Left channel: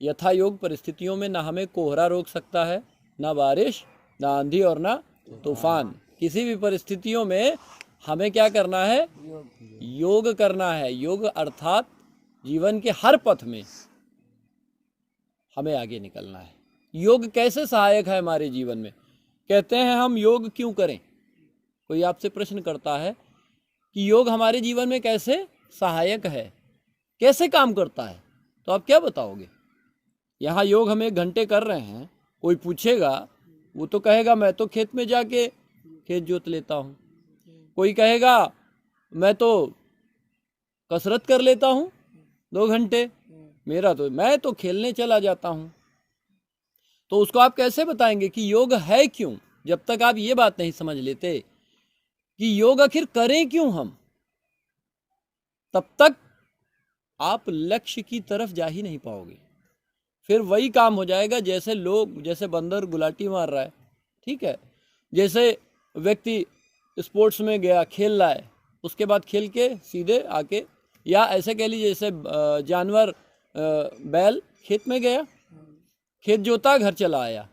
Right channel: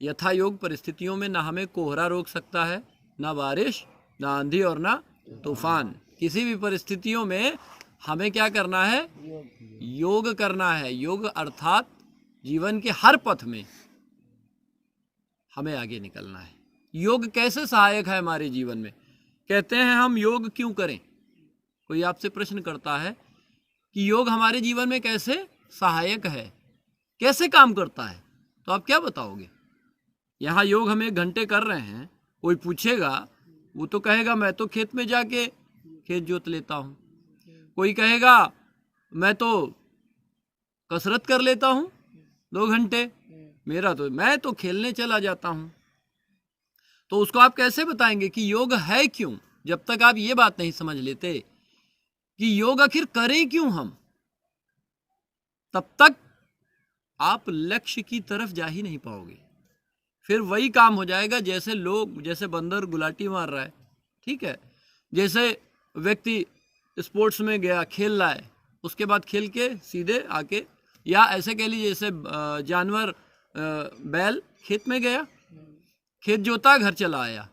यथा योग परिस्थितियों में ना हमें कोहरा रोक सकता है, ना बारिश, ना आंधी और ना तूफान। किसी भी परिस्थितियों में हमें क्या करना है? योग करना है। योग अर्थात जीवन के हर पथ में हमें आगे निकलना है। योग कैसे सहायक है हमारे जीवन में? कहते हैं हम योग क्यों करें? कोई आपसे प्रश्न करता है कि योग हमारे जीवन में कैसे सहायक है, कैसे काम करता है, तो आप क्या बताओगे? यहाँ योग हम 1 घंटे कर रहे हैं, कोई पूछेगा वो तो कहेगा मैं तो खेत में जाके खेत जोत लेता हूँ। कोई कहेगा मैं तो कसरत कर लेता हूँ 2 घंटे, मैं तो खेलने चला जाता हूँ। तो उसको आप कैसे बताएंगे कि योग है क्यों, जब तक आप ये बात नहीं समझ लेते कि योग आखिर करें क्यों हम, तब तक आप लक्ष्य की तरफ जा ही नहीं पाओगे। फिर वही काम हो जाएगा जैसे बंदर गुलाटी मार रहा है, ठीक है, जैसे व्यक्ति स्पोर्ट्स में गया, खेल रहा है, उसके बाद खेल के सीधे आके, या ऐसे कह लीजिए जैसे जानवर बैल खेत में गया, खेत जोता, घर चला आया,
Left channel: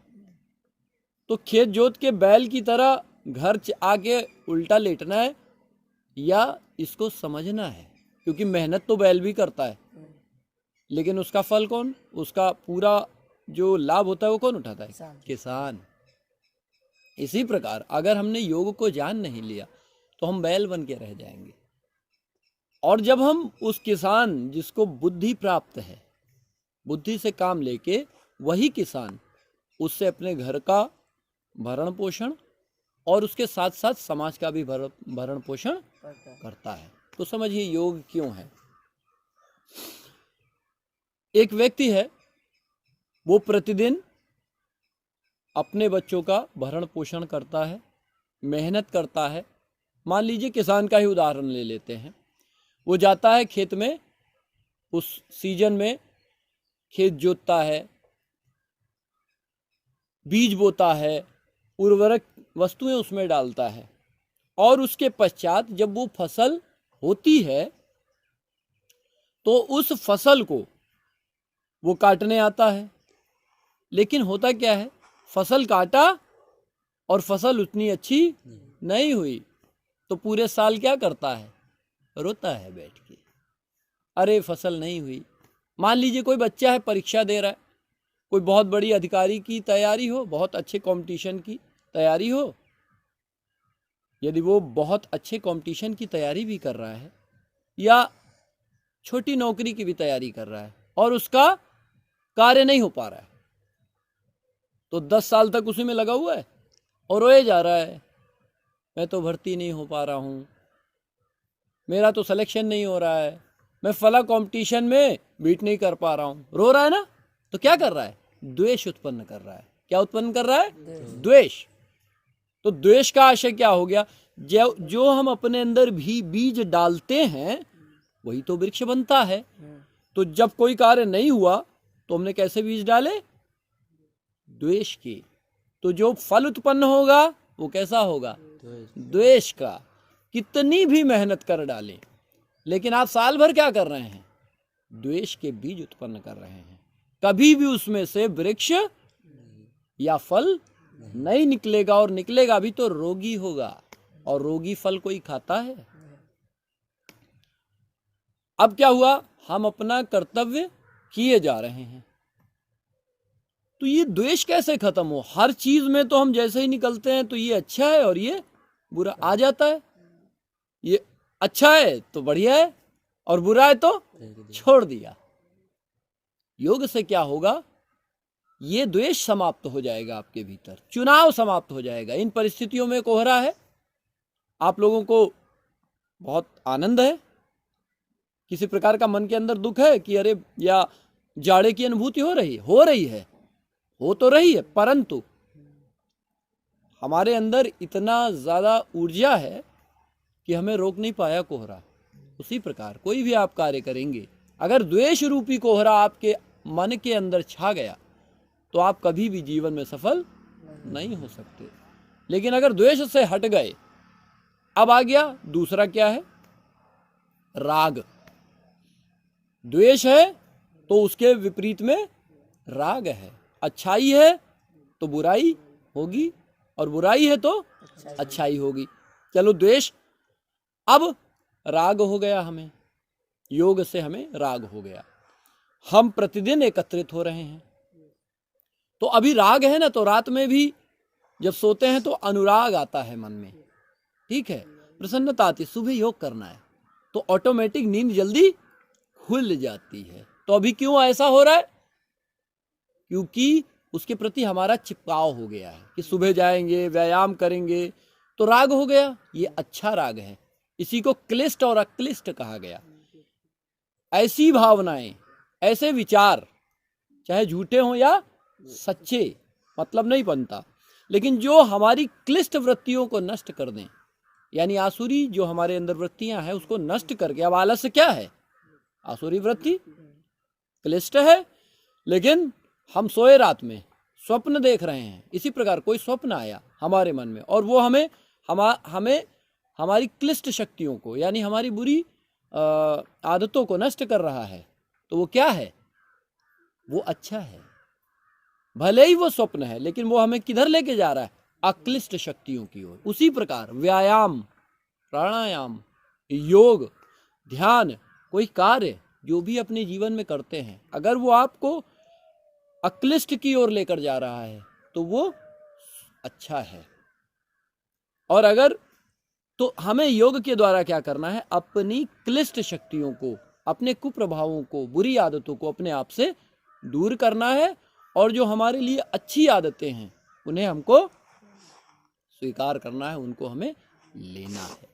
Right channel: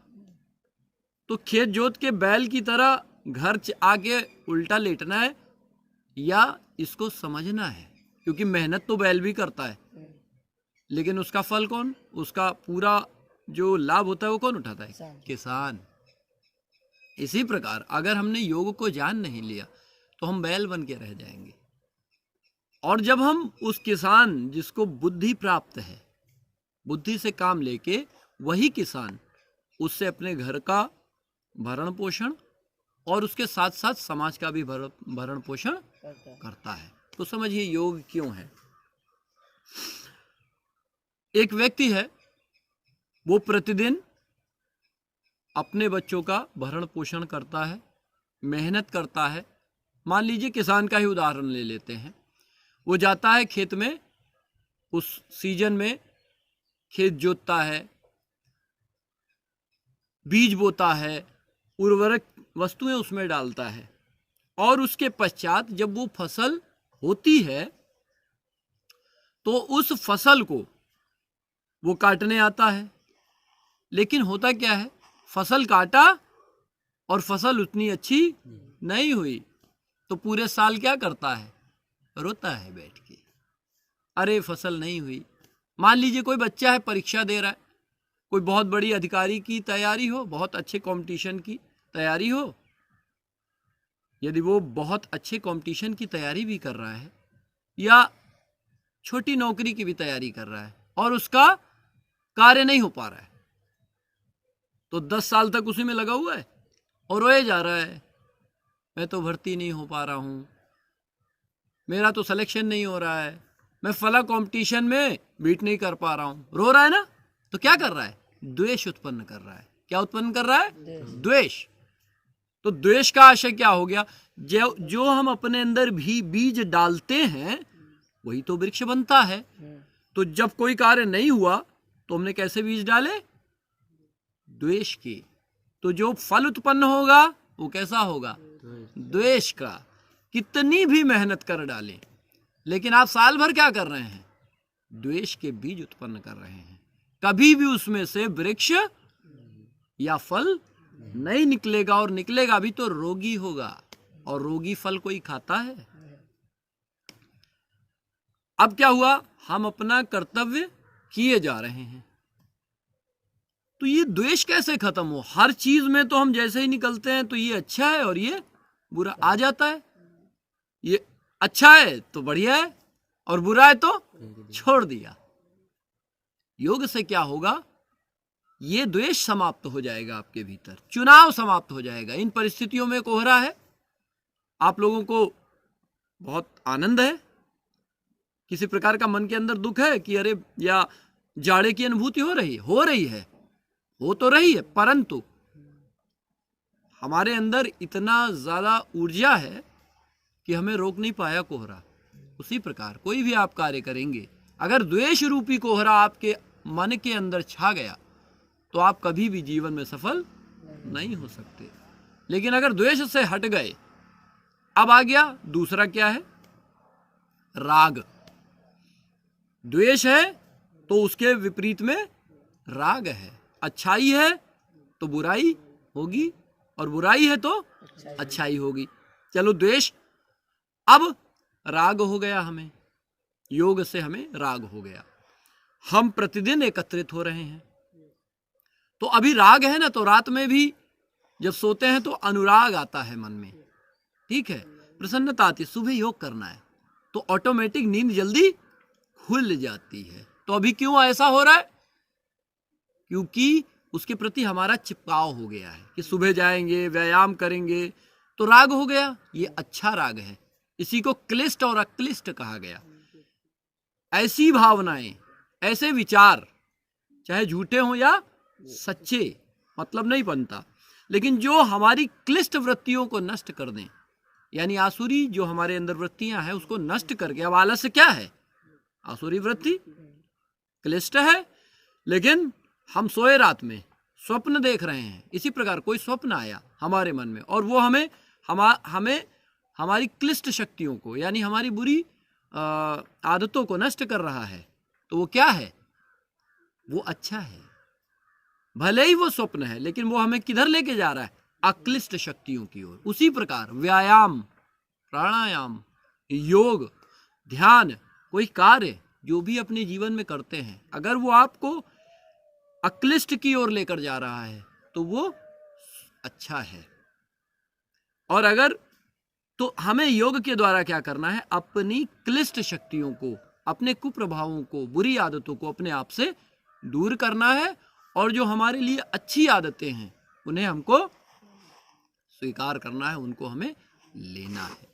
तो खेत जोत के बैल की तरह घर आके उल्टा लेटना है या इसको समझना है? क्योंकि मेहनत तो बैल भी करता है, लेकिन उसका फल कौन, उसका पूरा जो लाभ होता है वो कौन उठाता है? किसान। इसी प्रकार अगर हमने योग को जान नहीं लिया तो हम बैल बन के रह जाएंगे। और जब हम उस किसान जिसको बुद्धि प्राप्त है, बुद्धि से काम लेके, वही किसान उससे अपने घर का भरण पोषण और उसके साथ साथ समाज का भी भरण पोषण करता है। तो समझिए योग क्यों है। एक व्यक्ति है, वो प्रतिदिन अपने बच्चों का भरण पोषण करता है, मेहनत करता है। मान लीजिए किसान का ही उदाहरण ले लेते हैं। वो जाता है खेत में, उस सीजन में खेत जोतता है, बीज बोता है, उर्वरक वस्तुएं उसमें डालता है, और उसके पश्चात जब वो फसल होती है तो उस फसल को वो काटने आता है। लेकिन होता क्या है, फसल काटा और फसल उतनी अच्छी नहीं हुई, तो पूरे साल क्या करता है? रोता है बैठ के, अरे फसल नहीं हुई। मान लीजिए कोई बच्चा है, परीक्षा दे रहा है, कोई बहुत बड़ी अधिकारी की तैयारी हो, बहुत अच्छे कंपटीशन की तैयारी हो, यदि वो बहुत अच्छे कंपटीशन की तैयारी भी कर रहा है या छोटी नौकरी की भी तैयारी कर रहा है और उसका कार्य नहीं हो पा रहा है, तो 10 साल तक उसी में लगा हुआ है और रोए जा रहा है, मैं तो भर्ती नहीं हो पा रहा हूँ, मेरा तो सिलेक्शन नहीं हो रहा है, मैं फला कंपटीशन में बीट नहीं कर पा रहा हूँ। रो रहा है ना, तो क्या कर रहा है? द्वेष उत्पन्न कर रहा है। क्या उत्पन्न कर रहा है? द्वेष। तो द्वेष का आशय क्या हो गया? जो हम अपने अंदर भी बीज डालते हैं वही तो वृक्ष बनता है। तो जब कोई कार्य नहीं हुआ तो हमने कैसे बीज डाले? द्वेष के। तो जो फल उत्पन्न होगा वो कैसा होगा? द्वेष का। कितनी भी मेहनत कर डालें, लेकिन आप साल भर क्या कर रहे हैं? द्वेष के बीज उत्पन्न कर रहे हैं। कभी भी उसमें से वृक्ष या फल नहीं निकलेगा, और निकलेगा भी तो रोगी होगा, और रोगी फल कोई खाता है? अब क्या हुआ? हम अपना कर्तव्य किए जा रहे हैं, तो ये द्वेष कैसे खत्म हो? हर चीज में तो हम जैसे ही निकलते हैं तो ये अच्छा है और ये बुरा आ जाता है। ये अच्छा है तो बढ़िया है और बुरा है तो छोड़ दिया। योग से क्या होगा? ये द्वेष समाप्त हो जाएगा आपके भीतर, चुनाव समाप्त हो जाएगा। इन परिस्थितियों में कोहरा है, आप लोगों को बहुत आनंद है, किसी प्रकार का मन के अंदर दुख है कि अरे, या जाड़े की अनुभूति हो रही है, हो तो रही है, परंतु हमारे अंदर इतना ज्यादा ऊर्जा है कि हमें रोक नहीं पाया कोहरा। उसी प्रकार कोई भी आप कार्य करेंगे, अगर द्वेष रूपी कोहरा आपके मन के अंदर छा गया तो आप कभी भी जीवन में सफल नहीं हो सकते। लेकिन अगर द्वेष से हट गए, अब आ गया दूसरा, क्या है? राग। द्वेष है तो उसके विपरीत में राग है। अच्छाई है तो बुराई होगी, और बुराई है तो अच्छाई होगी। चलो द्वेष, अब राग हो गया, हमें योग से हमें राग हो गया, हम प्रतिदिन एकत्रित हो रहे हैं। तो अभी राग है ना, तो रात में भी जब सोते हैं तो अनुराग आता है मन में, ठीक है, प्रसन्नता आती। सुबह योग करना है तो ऑटोमेटिक नींद जल्दी खुल जाती है। तो अभी क्यों ऐसा हो रहा है? क्योंकि उसके प्रति हमारा चिपकाव हो गया है कि सुबह जाएंगे, व्यायाम करेंगे, तो राग हो गया। ये अच्छा राग है, इसी को क्लिष्ट और अक्लिष्ट कहा गया। ऐसी भावनाएं, ऐसे विचार, चाहे झूठे हों या सच्चे, मतलब नहीं बनता, लेकिन जो हमारी क्लिष्ट वृत्तियों को नष्ट कर दें, यानी आसुरी जो हमारे अंदर वृत्तियां हैं उसको नष्ट करके, अब आलस्य क्या है? आसुरी वृत्ति, क्लिष्ट है। लेकिन हम सोए रात में स्वप्न देख रहे हैं, इसी प्रकार कोई स्वप्न आया हमारे मन में और वो हमें हमारी क्लिष्ट शक्तियों को, यानी हमारी बुरी आदतों को नष्ट कर रहा है, तो वो क्या है? वो अच्छा है। भले ही वो स्वप्न है, लेकिन वो हमें किधर लेके जा रहा है? अक्लिष्ट शक्तियों की ओर। उसी प्रकार व्यायाम, प्राणायाम, योग, ध्यान, कोई कार्य जो भी अपने जीवन में करते हैं, अगर वो आपको अक्लिष्ट की ओर लेकर जा रहा है तो वो अच्छा है। और अगर, तो हमें योग के द्वारा क्या करना है? अपनी क्लिष्ट शक्तियों को, अपने कुप्रभावों को, बुरी आदतों को अपने आप से दूर करना है, और जो हमारे लिए अच्छी आदतें हैं उन्हें हमको स्वीकार करना है, उनको हमें लेना है।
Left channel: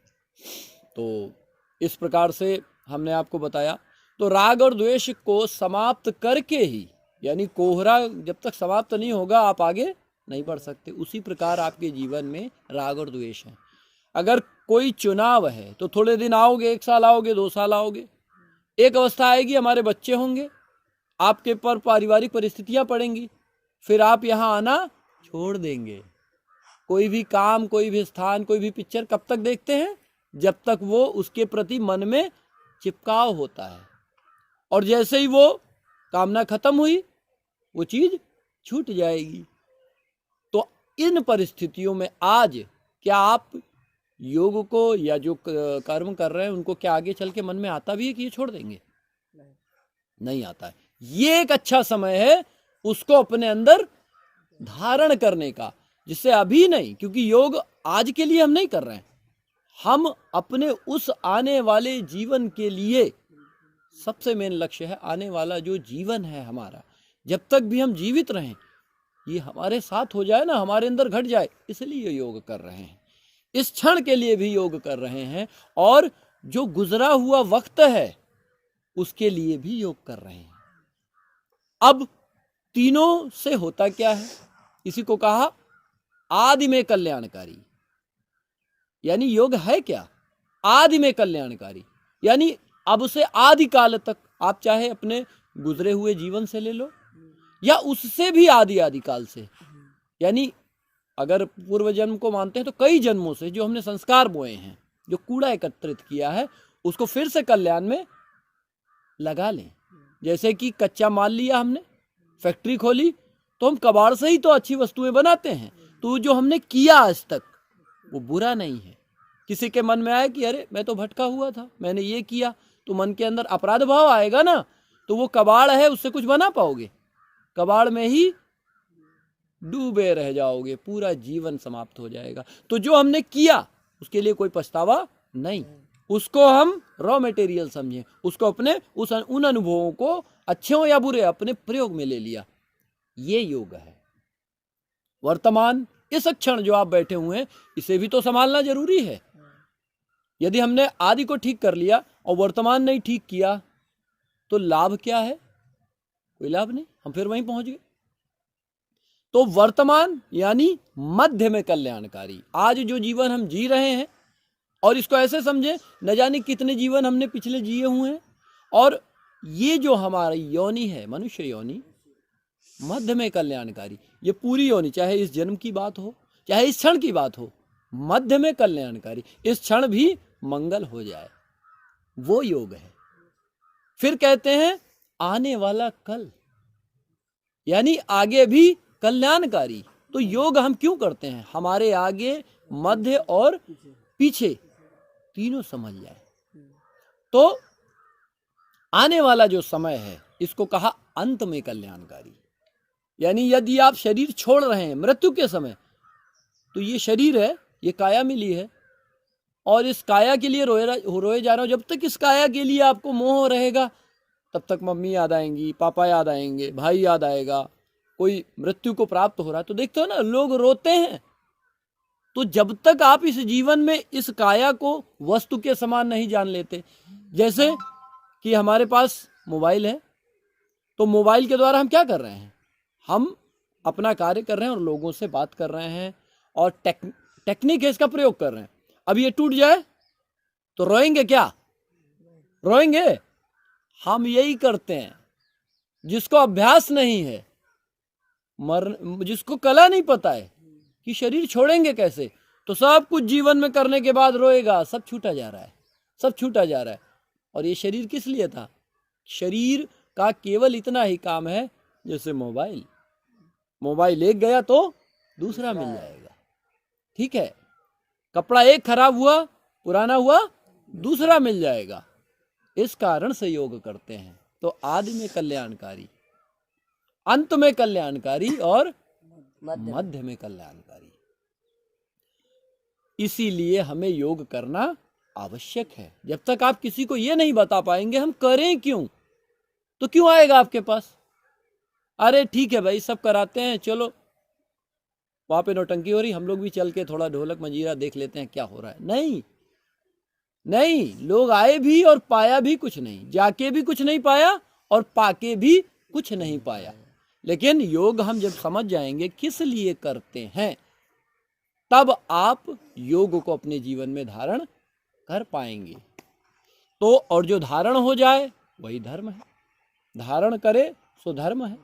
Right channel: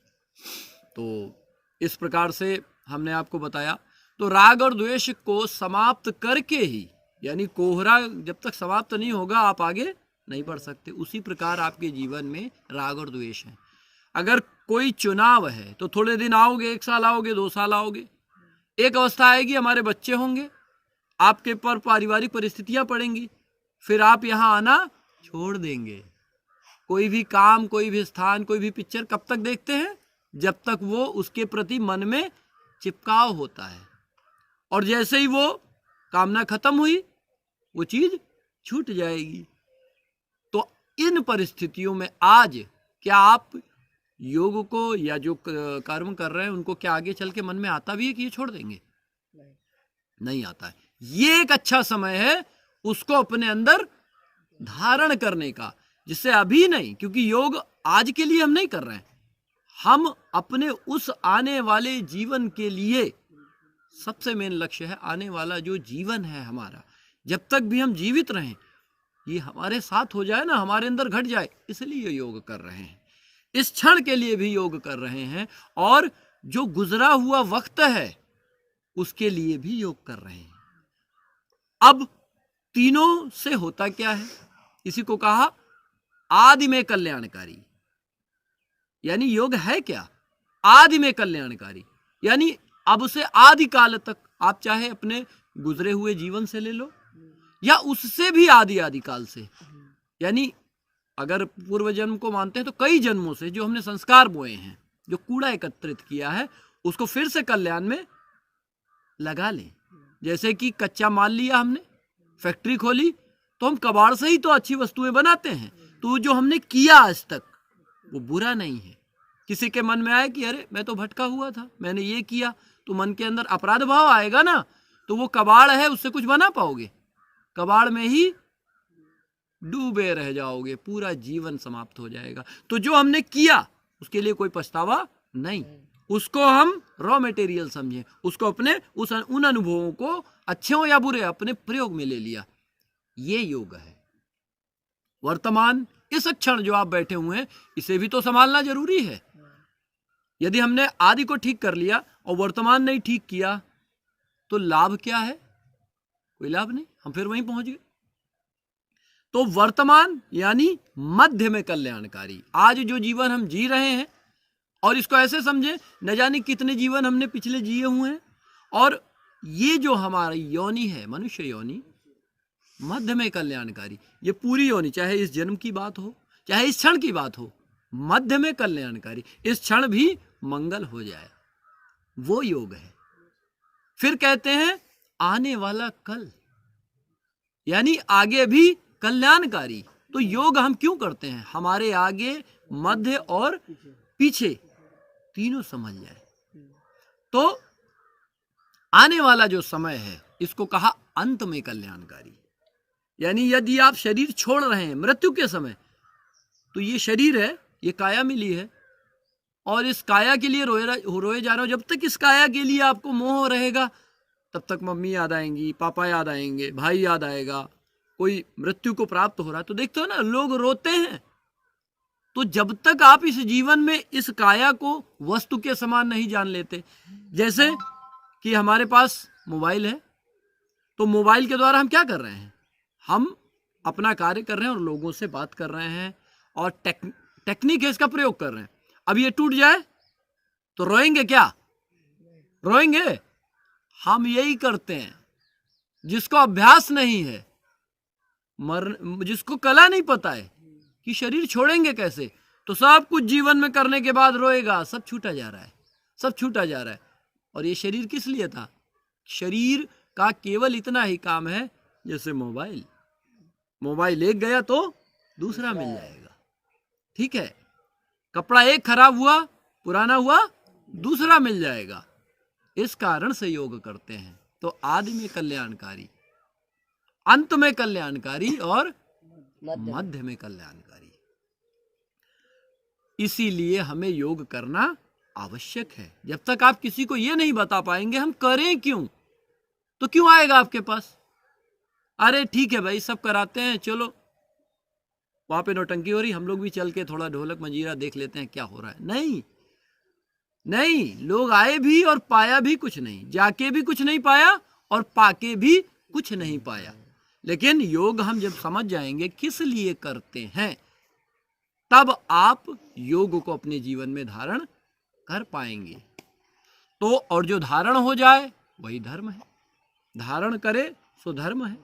तो इस प्रकार से हमने आपको बताया। तो राग और द्वेष को समाप्त करके ही, यानी कोहरा जब तक समाप्त नहीं होगा आप आगे नहीं बढ़ सकते। उसी प्रकार आपके जीवन में राग और द्वेष है। अगर कोई चुनाव है तो थोड़े दिन आओगे, 1 साल आओगे, 2 साल आओगे, एक अवस्था आएगी हमारे बच्चे होंगे, आपके पर पारिवारिक परिस्थितियां पड़ेंगी, फिर आप यहाँ आना छोड़ देंगे। कोई भी काम, कोई भी स्थान, कोई भी पिक्चर कब तक देखते हैं? जब तक वो उसके प्रति मन में चिपकाव होता है, और जैसे ही वो कामना खत्म हुई वो चीज छूट जाएगी। तो इन परिस्थितियों में आज क्या आप योग को या जो कर्म कर रहे हैं उनको क्या आगे चल के मन में आता भी है कि ये छोड़ देंगे? नहीं आता है। ये एक अच्छा समय है उसको अपने अंदर धारण करने का, जिससे अभी नहीं, क्योंकि योग आज के लिए हम नहीं कर रहे हैं, हम अपने उस आने वाले जीवन के लिए, सबसे मेन लक्ष्य है आने वाला जो जीवन है हमारा, जब तक भी हम जीवित रहें, ये हमारे साथ हो जाए ना, हमारे अंदर घट जाए, इसलिए योग कर रहे हैं। इस क्षण के लिए भी योग कर रहे हैं, और जो गुजरा हुआ वक्त है उसके लिए भी योग कर रहे हैं। अब तीनों से होता क्या है? इसी को कहा आदि में कल्याणकारी। यानी योग है क्या? आदि में कल्याणकारी, यानी अब से आदि काल तक, आप चाहे अपने गुजरे हुए जीवन से ले लो या उससे भी आदि काल से, यानी अगर पूर्व जन्म को मानते हैं तो कई जन्मों से जो हमने संस्कार बोए हैं, जो कूड़ा एकत्रित किया है, उसको फिर से कल्याण में लगा लें। जैसे कि कच्चा माल लिया हमने, फैक्ट्री खोली, तो हम कबाड़ से ही तो अच्छी वस्तुएं बनाते हैं। तो जो हमने किया आज तक वो बुरा नहीं है। किसी के मन में आए कि अरे मैं तो भटका हुआ था, मैंने ये किया, तो मन के अंदर अपराध भाव आएगा ना, तो वो कबाड़ है, उससे कुछ बना पाओगे? कबाड़ में ही डूबे रह जाओगे, पूरा जीवन समाप्त हो जाएगा। तो जो हमने किया उसके लिए कोई पछतावा नहीं, उसको हम रॉ मटेरियल समझें, उसको अपने उन अनुभवों को, अच्छे हो या बुरे, अपने प्रयोग में ले लिया। ये योग है। वर्तमान इस क्षण जो आप बैठे हुए हैं, इसे भी तो संभालना जरूरी है। यदि हमने आदि को ठीक कर लिया और वर्तमान नहीं ठीक किया तो लाभ क्या है? कोई लाभ नहीं, हम फिर वहीं पहुंच गए। तो वर्तमान यानी मध्य में कल्याणकारी। आज जो जीवन हम जी रहे हैं, और इसको ऐसे समझे, न जाने कितने जीवन हमने पिछले जिए हुए हैं, और ये जो हमारी योनि है, मनुष्य योनि, मध्य में कल्याणकारी। ये पूरी योनि, चाहे इस जन्म की बात हो, चाहे इस क्षण की बात हो, मध्य में कल्याणकारी। इस क्षण भी मंगल हो जाए, वो योग है। फिर कहते हैं आने वाला कल, यानी आगे भी कल्याणकारी। तो योग हम क्यों करते हैं? हमारे आगे, मध्य और पीछे तीनों समझ जाए। तो आने वाला जो समय है इसको कहा अंत में कल्याणकारी। यानी यदि आप शरीर छोड़ रहे हैं मृत्यु के समय, तो ये शरीर है, ये काया मिली है, और इस काया के लिए रोए जा रहे हो। जब तक इस काया के लिए आपको मोह रहेगा, तब तक मम्मी याद आएंगी, पापा याद आएंगे, भाई याद आएगा, कोई मृत्यु को प्राप्त हो रहा है तो देखते हो ना, लोग रोते हैं। तो जब तक आप इस जीवन में इस काया को वस्तु के समान नहीं जान लेते, जैसे कि हमारे पास मोबाइल है, तो मोबाइल के द्वारा हम क्या कर रहे हैं? हम अपना कार्य कर रहे हैं और लोगों से बात कर रहे हैं, और टेक्निक है इसका प्रयोग कर रहे हैं। अब ये टूट जाए तो रोएंगे क्या? रोएंगे? हम यही करते हैं। जिसको अभ्यास नहीं है, जिसको कला नहीं पता है कि शरीर छोड़ेंगे कैसे, तो सब कुछ जीवन में करने के बाद रोएगा, सब छूटा जा रहा है, सब छूटा जा रहा है। और ये शरीर किस लिए था? शरीर का केवल इतना ही काम है, जैसे मोबाइल एक गया तो दूसरा मिल जाएगा, ठीक है। कपड़ा एक खराब हुआ, पुराना हुआ, दूसरा मिल जाएगा। इस कारण से योग करते हैं। तो आदि में कल्याणकारी, अंत में कल्याणकारी और मध्य में कल्याणकारी। इसीलिए हमें योग करना आवश्यक है। जब तक आप किसी को ये नहीं बता पाएंगे हम करें क्यों, तो क्यों आएगा आपके पास? अरे ठीक है भाई, सब कराते हैं, चलो वहां पे नौटंकी हो रही, हम लोग भी चल के थोड़ा ढोलक मंजीरा देख लेते हैं क्या हो रहा है। नहीं नहीं, लोग आए भी और पाया भी कुछ नहीं, जाके भी कुछ नहीं पाया और पाके भी कुछ नहीं पाया। लेकिन योग हम जब समझ जाएंगे किस लिए करते हैं, तब आप योग को अपने जीवन में धारण कर पाएंगे। तो और जो धारण हो जाए वही धर्म है, धारण करे सो धर्म है।